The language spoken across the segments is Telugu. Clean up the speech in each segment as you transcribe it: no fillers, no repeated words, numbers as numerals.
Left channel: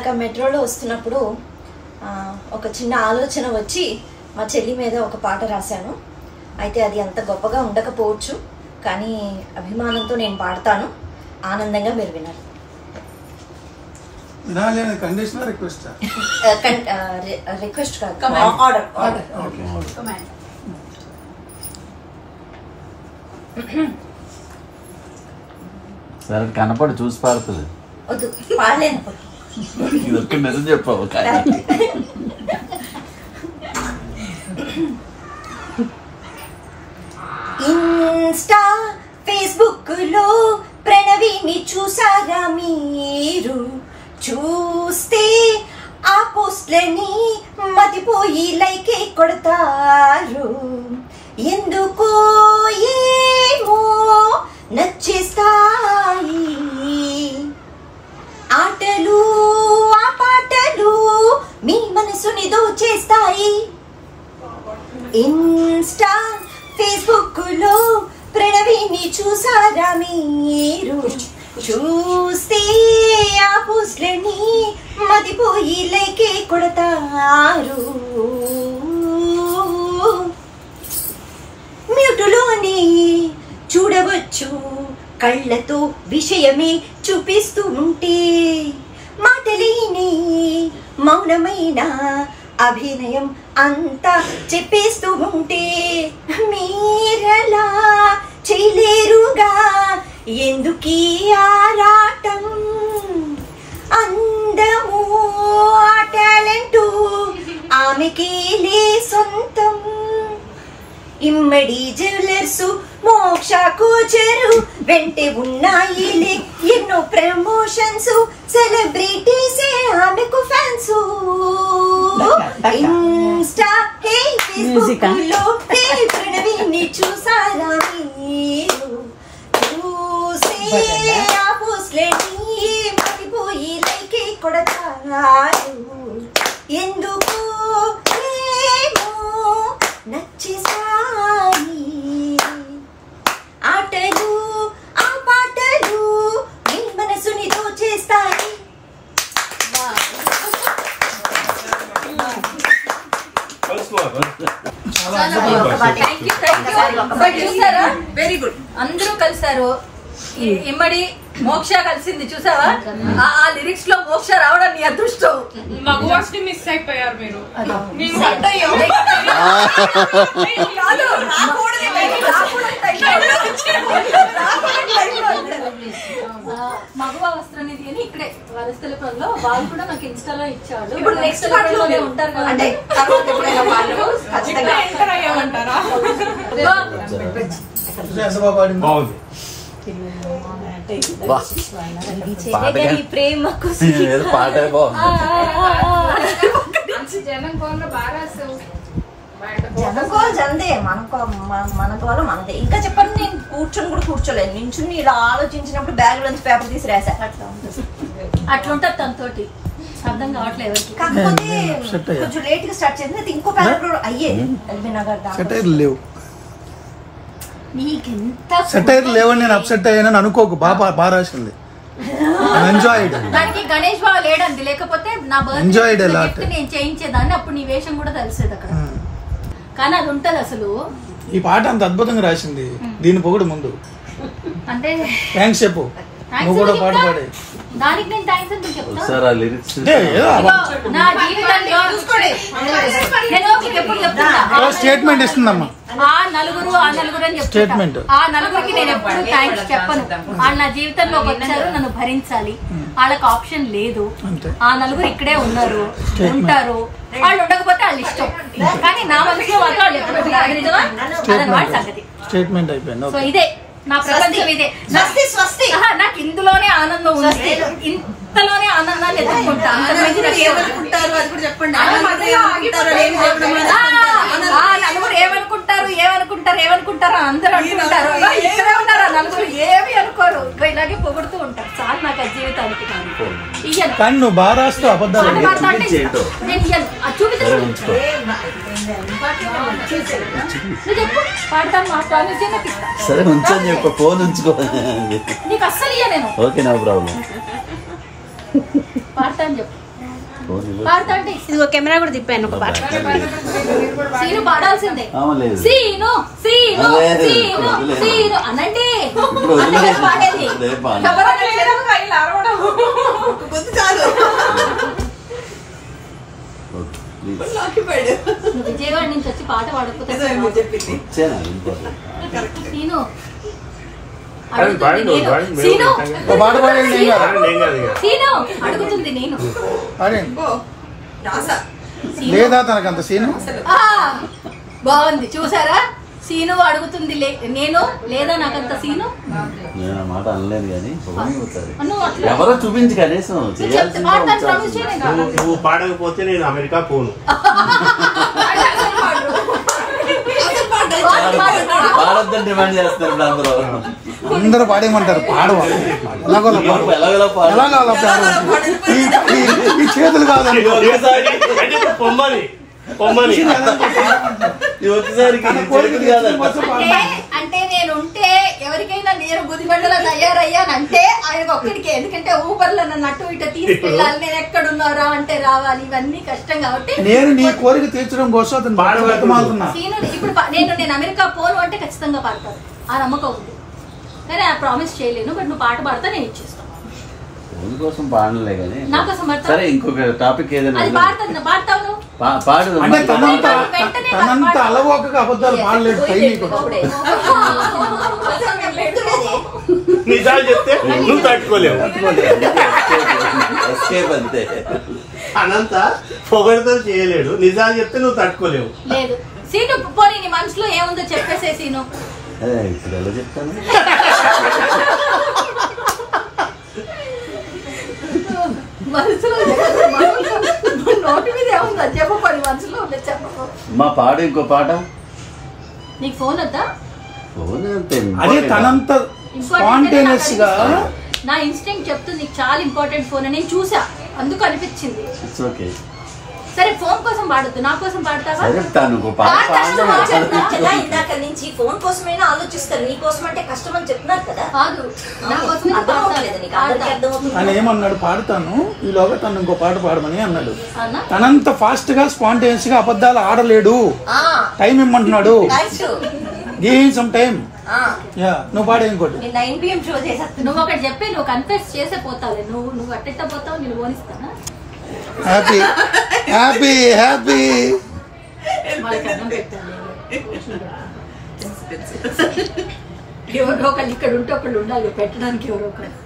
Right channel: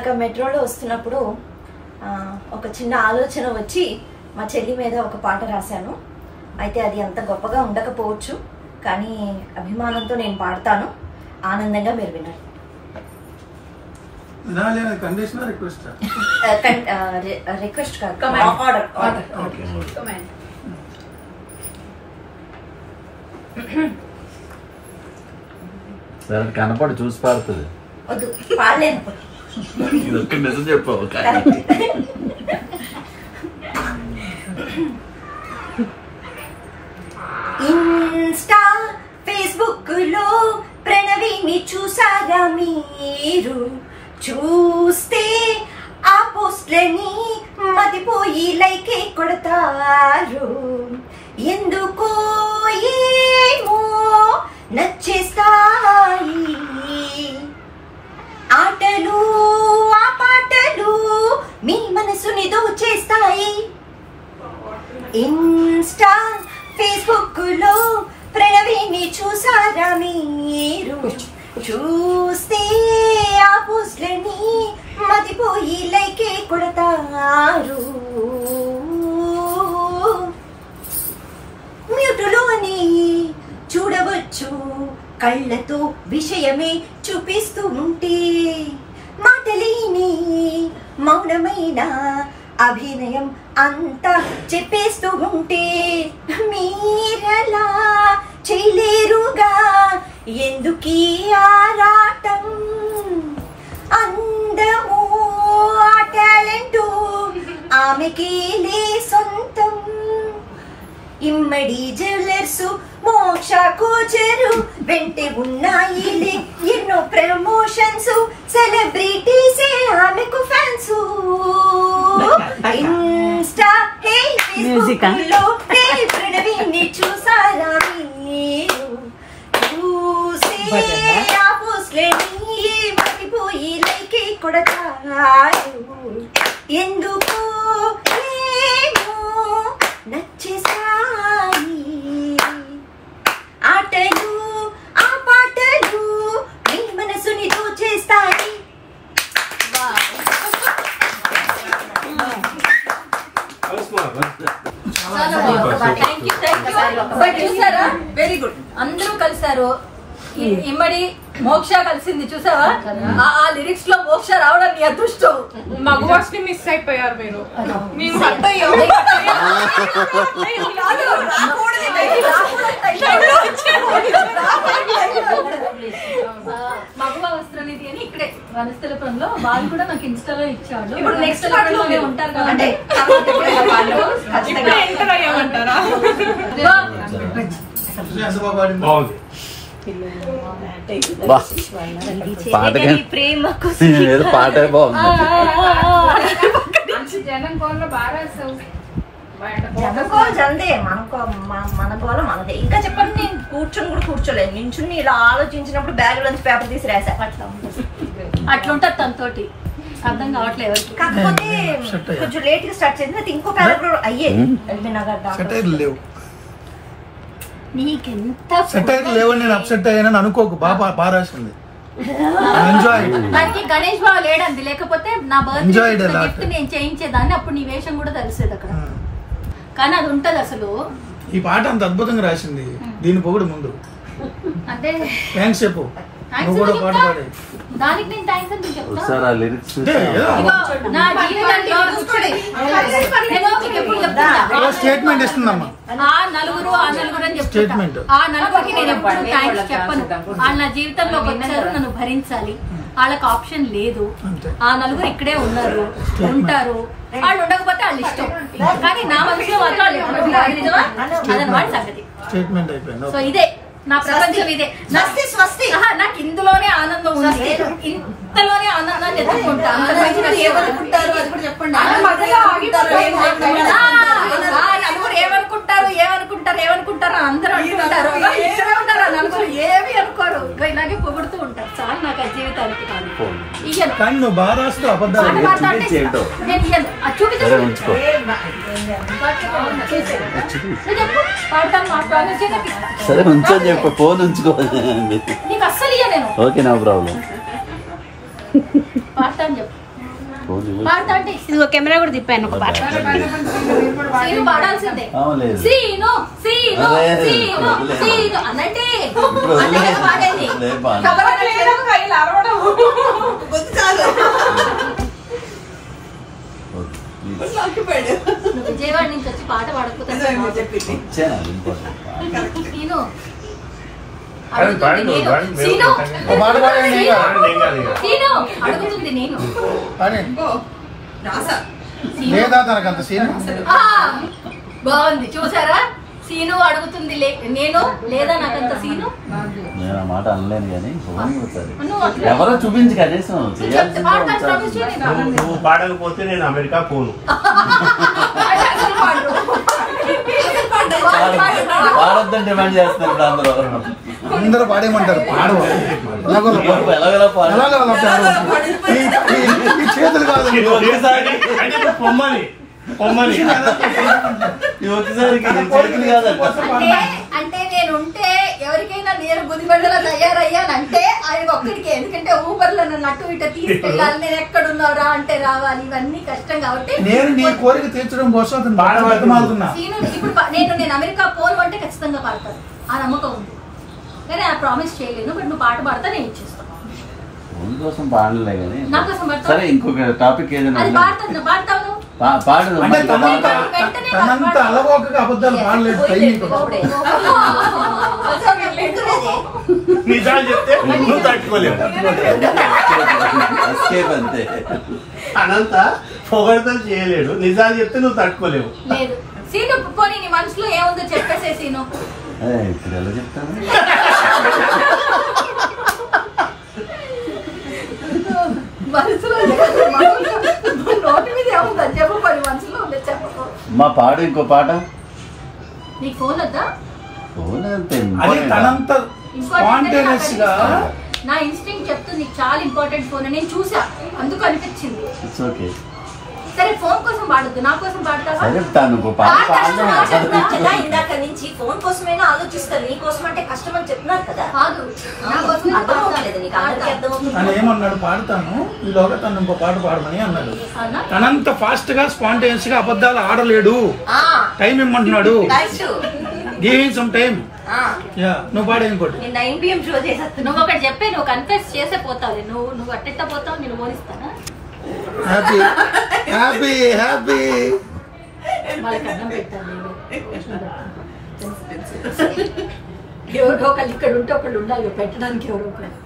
ఇందాక మెట్రోలో వస్తున్నప్పుడు ఒక చిన్న ఆలోచన వచ్చి మా చెల్లి మీద ఒక పాట రాశాను. అయితే అది అంత గొప్పగా ఉండకపోవచ్చు, కానీ అభిమానంతో నేను పాడతాను. ఆనందంగా మీరు వినాలి. రిక్వెస్ట్ కాదు, ఆర్డర్. సరే కనపడి చూసి పాడుతుంది. వద్దు, పాడలేను. మెసేజ్ చెప్పావు. ఇన్స్టా ఫేస్బుక్ లో ప్రణవిని చూసారా మీరు? చూస్తే ఆ పోస్ట్లని మతిపోయి లైకే కొడతారు. ఎందుకో ఏమో నచ్చేస్తాయి ఆటలు ఆ పాటలు, మీ మనసుని దోచేస్తాయి. ఇన్స్టా ఫేస్బుక్ లో ప్రణవిని చూసారా మీరు? చూస్తే ఆ పోస్ట్లని మతిపోయి లైకే కొడతారు. మ్యూటులోనే చూడవచ్చు కళ్ళతో విషయమే చూపిస్తూ ఉంటే, మాటలేని మౌనమైన అభినయం అంతా చెప్పేస్తూ ఉంటే, మీరలా చేయలేరుగా ఎందుకీ ఆరాటం? అందము ఆ టాలెంటు ఆమెకేలే సొంతం. ఇమ్మడి జ్యువెలర్స్ మోక్ష కోచరు వెంటే ఉన్నాయిలే ఎన్నో ప్రమోషన్స్, సెలబ్రిటీసే ఆమెకు ఫ్యాన్స్. ఇన్స్టా హే ఫేస్బుక్ లో హే ప్రణవిని చూసారా మీరు? చూసే ఆ పోస్ట్లని మతిపోయి లైకే కొడతారు. ఎందుకో ఏమో నచ్చేసాయి ఆటలు ఆ పాటలు, మీ మనసుని దోచేస్తాయి. చూసారా? Very good. అందరూ కలిసారు. ఇమ్మడి మోక్ష కలిసింది చూసావా? ఆ లిరిక్స్ లో మోక్ష రావడం నీ అదృష్టం. మగవాస్ ని మిస్ అయిపోయారు మీరు. మగవా వస్త్రనిధి అని ఇక్కడే వనస్థలపురంలో వాళ్ళు కూడా నాకు ఇన్స్టాలో ఇచ్చేవాళ్ళు. ఇప్పుడు నెక్స్ట్ ఉంటారు అంటే ఎంటర్ అయ్యామంటారా? ప్రేమ జనకోలు జనదే, మన గోల మనదే. ఇంకా చెప్పండి, నేను కూర్చొని కూడా కూర్చోలేదు, నించుని ఇలా ఆలోచించినప్పుడు బ్యాగ్ నుంచి పేపర్ తీసి రాసా. అట్లుంటది తనతోటి, అర్థం కావట్లేదు ఎవరికి. కాకపోతే కొంచెం లేట్ గా స్టార్ట్ చేసింది, ఇంకో పేపర్ అయ్యేది. ఎల్బీ నగర్ దాకా నీకెంత లేవని నేను అప్సెట్ అయ్యానని అనుకోకు. బాగా రాసింది. దానికి గణేష్ బాబు లేడంది, లేకపోతే నా బర్త్డే గిఫ్ట్ నేను చేయించేదాన్ని. అప్పుడు నీ వేషం కూడా తెలిసేది అక్కడ. కానీ అది ఉంటది అసలు. ఈ పాట అంత అద్భుతంగా రాసింది, దీని పొగుడు ముందు అంటే థ్యాంక్స్ చెప్పు. దానికి నేను థ్యాంక్స్ అని చెప్తా. నా జీవితంలో నేను ఎప్పుడు చెప్తున్నా స్టేట్మెంట్ ఇస్తుందమ్మా. ఆ నలుగురు అని చెప్తున్నా. ఆ నలుగురికి నేను ఎప్పుడు థ్యాంక్స్ చెప్పను. వాళ్ళు నా జీవితంలోకి వచ్చారు, నన్ను భరించాలి. వాళ్ళకి ఆప్షన్ లేదు. ఆ నలుగురు ఇక్కడే ఉన్నారు, ఉంటారు. వాళ్ళు ఉండకపోతే వాళ్ళ ఇష్టం, కానీ నా మనసులో మాత్రం వాళ్ళు ఎప్పుడు ఉంటారు. నిజమా? అదనమాట సంగతి. సో ఇదే నా ప్రపంచం, ఇదే నాకు ఇందులోనే ఆనందం ఉంది. ఇంతలోనే ఆనందాన్ని ఎదుర్కొంటా. నలుగురు ఏమనుకుంటారు అందరూ అనుకుంటారు. ఇక్కడే ఉంటారు ఆ నలుగురు, ఏమి అనుకోరు, ఇలాగే పొగుడుతూ ఉంటారు. చాలా నాకు ఆ జీవితానికి. ఇయ్యను నేను ఇయ్యను. అది చూపించు, చెప్పు పాడతాను. మా ప్రామిస్ నాకు ఇస్తా. ఫోన్ ఉంచుకో. నీకు అస్సలు ఇయ్య నేను. Okay, no problem. పాడతాను చెప్పు. పాడతా అంటే ఇదిగో కెమెరా కూడా తిప్పాను ఒక పాట. సీను పాడాల్సిందే. లేదు. సీను సీను సీను సీను అనంటే పాడండి. విజయవాడ నుంచి వచ్చి పాట పాడకపోతే సీను అడుగుతుంది నేను లేదా తనకంత సీన్ బాగుంది చూసారా. సీను అడుగుతుంది నేను లేదా నాకంత సీను. నేను ఆ మాట అనలేను కానీ ఎవరో చూపించి కనీసం నువ్వు పాడకపోతే నేను అమెరికా పోను. పాడొద్దని డిమాండ్ చేస్తున్నారు అందరూ. అందరూ పాడేయమంటారు, పాడవు ఈ చేతులు కాదండి. పొమ్మని పొమ్మని ఒకసారికి చేతులు కాదంట. అంటే నేను ఉంటే ఎవరికైనా నేను బుద్ధిమండలో తయారయ్యానంటే ఆయన ఒక్కడికే. ఎందుకంటే ఊబర్లో నన్ను అటు ఇటు తీసుకెళ్ళాలి, నేను ఎక్కడున్నారా అంటే రావాలి, ఇవన్నీ కష్టం కాబట్టి నేను నీ కోరిక తీర్చడం కోసం అతను బాధపడుతున్నా. ఇప్పుడు నేను అమెరికా పోను అంటే ఖచ్చితంగా పాడతాను, ఆ నమ్మకం ఉంది. కానీ ఆ ప్రామిస్ చేయలేను. బట్ నువ్వు పాట పాడతా నేను ఇచ్చేస్తాను. కోసం పాడలే కానీ నా కోసం సరే ఇంకొక టాపిక్ ఏదైనా పాడతావు పాడు. తనంత అలవోకగా అబద్ధాలు పాడలేదు. నిజాలు చెప్తే నువ్వు తట్టుకోలేవు. అంతే. అనంత పొగడతో చేయలేడు, నిజాలు చెప్తే నువ్వు తట్టుకోలేవు. లేదు సీను, పోనీ నీ మనసులో ఏముందో చెప్పేసే సీను. ఇప్పుడు ఎలా చెప్తాను? మనసులో నోటి మీద ఏముందా చెప్పండి, మనసులో చెప్పకు. మా పాడు ఇంకో పాట. నీకు ఫోన్ వద్దా? ఫోన్ అంతే. అది తనంత స్పాంటేనియస్ గా నా ఇన్స్టింక్ట్ చెప్తుంది నీకు చాలా ఇంపార్టెంట్ ఫోన్ అని. నేను చూసా, అందుకు అనిపించింది. It's okay. సరే ఫోన్ కోసం పాడద్దు, నా కోసం పాడతావా? ఇందాక నుంచి ఫోన్ కోసమైనా ఆలోచిస్తారు, నీ కోసం అంటే కష్టం అని చెప్తున్నారు కదా. కాదు, నా కోసం అని ఏమన్నాడు, పాడతాను ఈలోగా తను ఇంకో పాట పాడమని అన్నాడు. తనంత ఫాస్ట్ గా స్పాంటేనియస్ గా అబద్ధాలు ఆడలేడు, టైం ఇమ్మంటున్నాడు. Give him some time. నువ్వు పాడే ఇంకోటి. 9 PM షో చేసేస్తా. నువ్వు ఒకటి చెప్పే, నువ్వు కన్ఫెస్ చేసే పోతావులే. నువ్వు అట్టెట్ట పోతావు, నేను ఓనిస్తానా? Happy happy happy. వాళ్ళకి అన్నం పెట్టాలి. ఎవరో ఒకళ్ళు ఇక్కడ ఉంటే ఒకళ్ళు ఉండాలి పెట్టడానికి. ఎవరో ఒకళ్ళు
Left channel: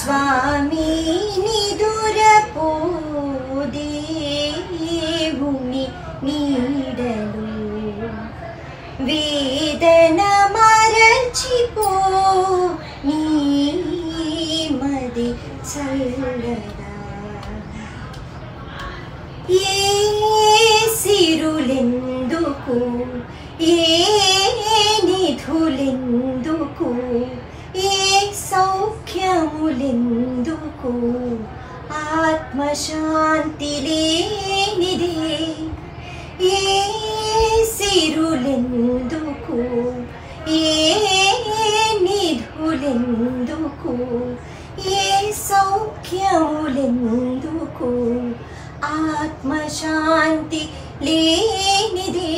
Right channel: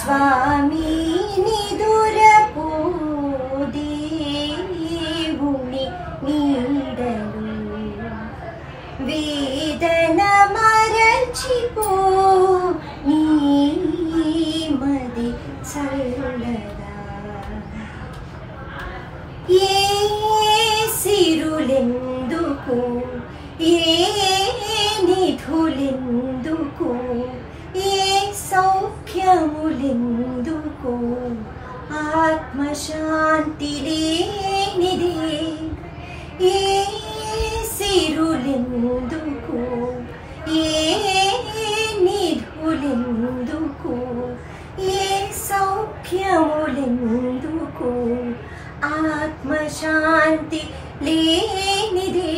స్వామి నిదురపోదేవుని నీడలు వేదన మరచిపో నీ మది చల్లగా. ఏ సిరులెందుకు, ఏ నిధులెందుకు, ఏ సౌఖ్యములెందుకు, ఆత్మశాంతి లేనిదే. ఏ సిరులెందుకు, ఏ నిధులెందుకు, ఏ సౌఖ్యములెందుకు, ఆత్మశాంతి లేనిదే.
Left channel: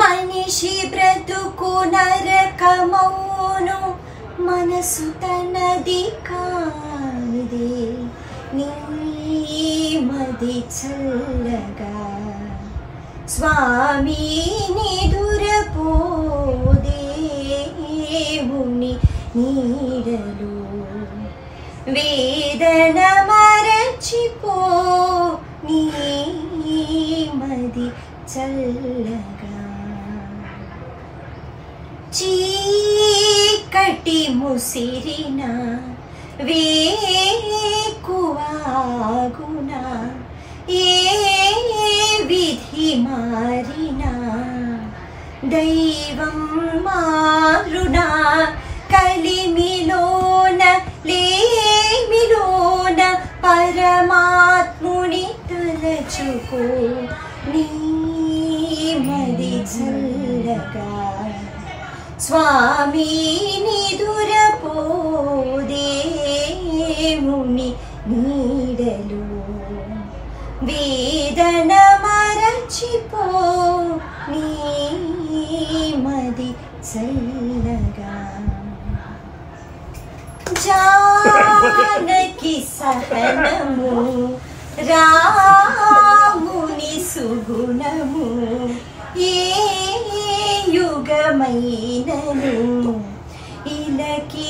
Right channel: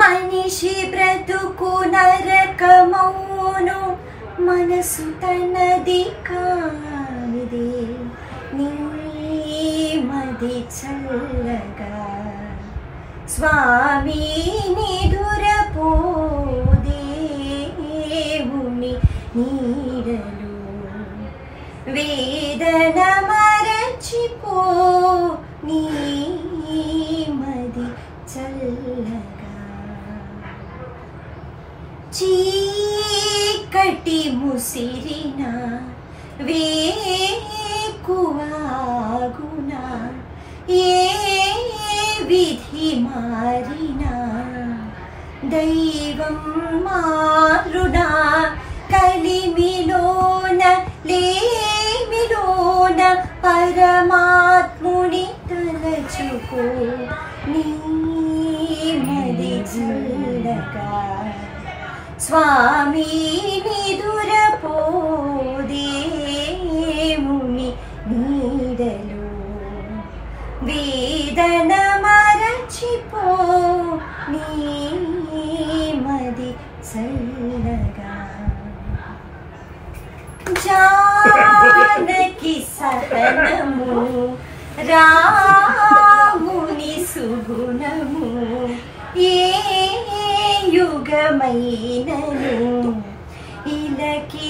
మనిషి బ్రతుకు నరకమౌను, మనసు తనది కానిదే. నీ మది చల్లగా స్వామి నిదురపోదేవుని నీడలు వేదన మరచిపో నీ మది చల్లగా. చీకటి ముసిరిన వేకువాగున, ఏ విధి మారినా దైవం మారునా. కలిమిలోన లేమిలోన పరమాత్ముని తలచుకో నీ మది చల్లగా. స్వామి నిదురపోదేముని నీడలు వేదన మరచిపో నీమది చల్లగా జానకి సహనము రాముని సుగుణము ఏ యుగమైనను ఇలకి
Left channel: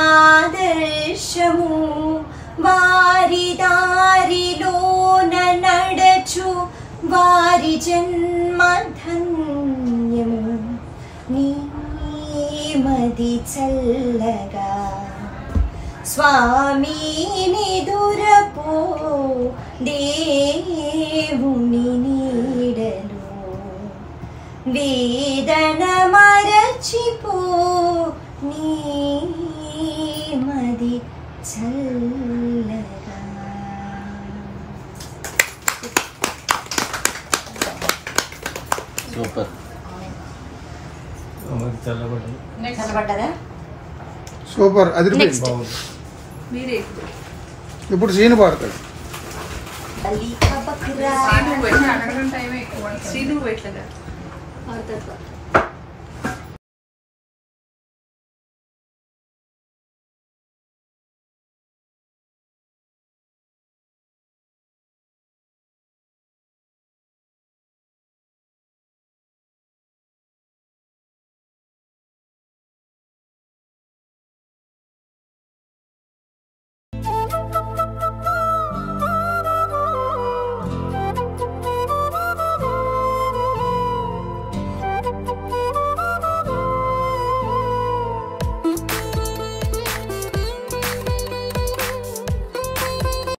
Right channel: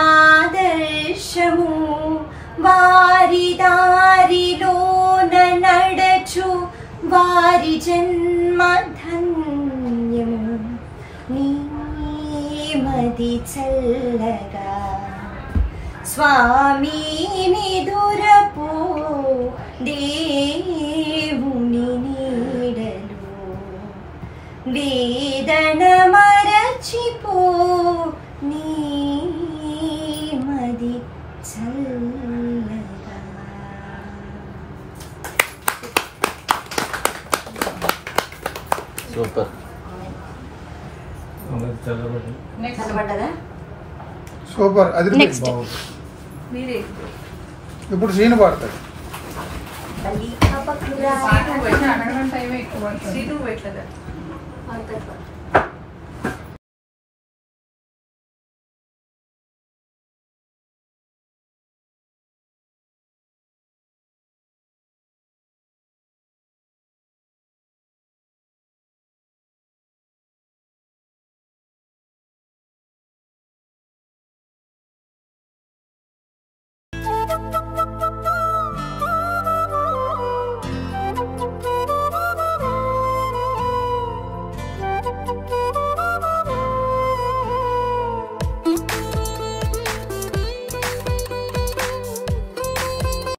ఆదర్శము వారి దారిలోన నడచు వారి జన్మధన్యము నీమది చల్లగా స్వామి నిదురపో దేవుని నీడలు వేదన మరచిపో నీమది చల్లగా. సూపర్. చల్లబడ్డదా? సూపర్. అది Next. మీరే ఇప్పుడు సీన్ పాడతాడు. బలి పపకురా అడగడం టైం ఎక్కువ శ్రీను పెట్టలేదు